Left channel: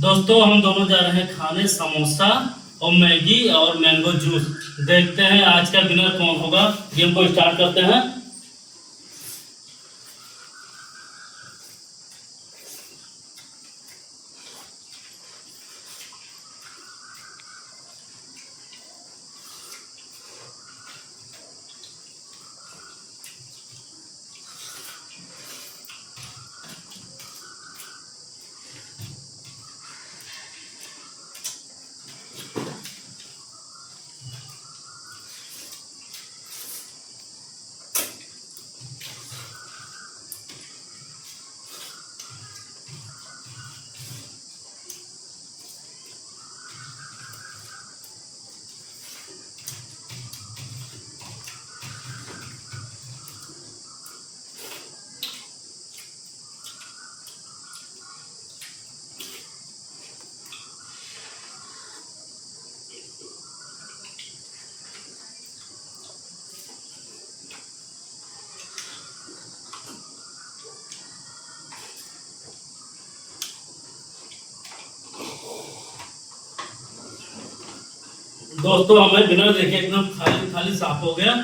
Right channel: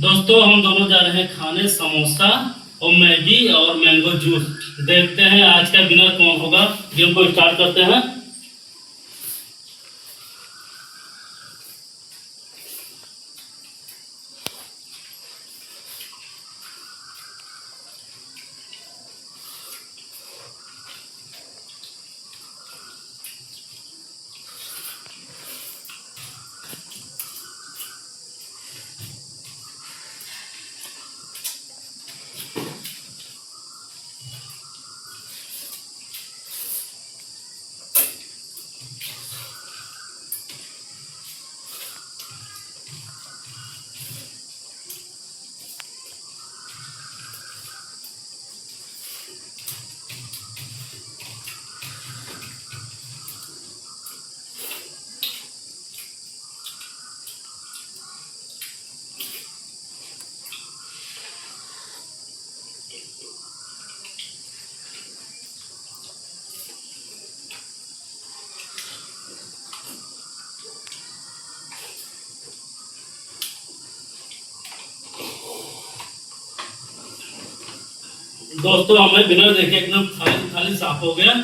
दोस्तों हम दोनों जा रहे हैं खाने समोसा और मैगी और मैंगो जूस। देखते हैं आज का विनर कौन होगा। गेम को स्टार्ट करते हैं। दोस्तों हमें विनर देखे एकदम खाली खाली साफ हो गया।